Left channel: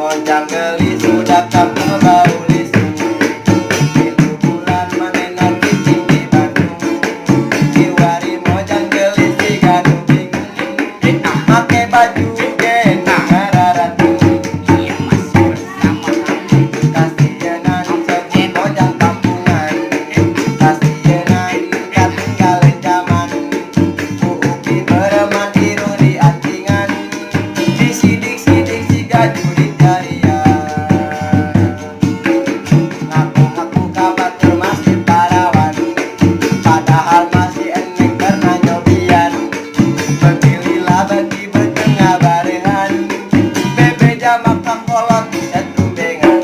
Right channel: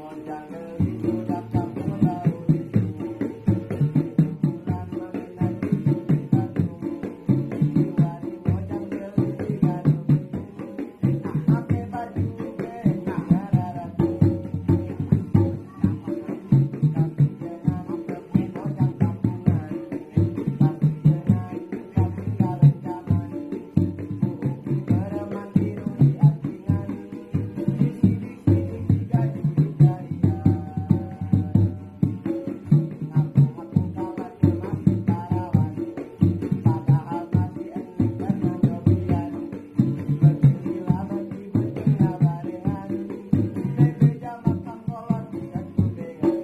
mojang geli sudah kampung bau lisu. Pilu bulan menenang cicing di Bandung. Kiwari mojang geli si ganu bingung. Make baju gena ngararatu. Kasienan sebut mojang kampungan. Kasienan katinggalan zaman. Upi bereman biru di antingan. Disidik-sidik si gaju di jarian. Ngaku-ngaku kabar tuh masih parawan. Padahal masih eneng karena nyobian. Begililah bagi bertengah barengan. Bebe jamak kangkolot setumbengan.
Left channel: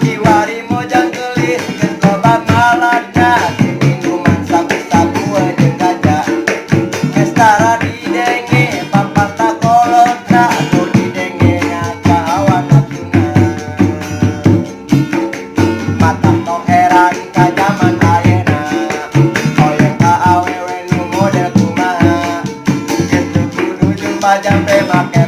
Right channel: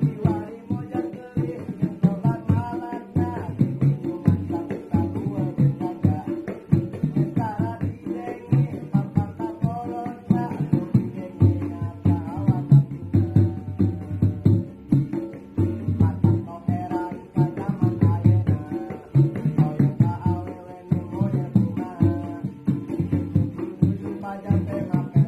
Kiwari mojang gelis kesobat malaka. Minuman sabu-sabu jeung ganja. Estara di denge papat takolot atau di denge ngaca awan natuna. Mata tong heran ka jaman ayeuna. Hoyong ka awewe nu model kumaha. Kitu kudu jeung pajang teh make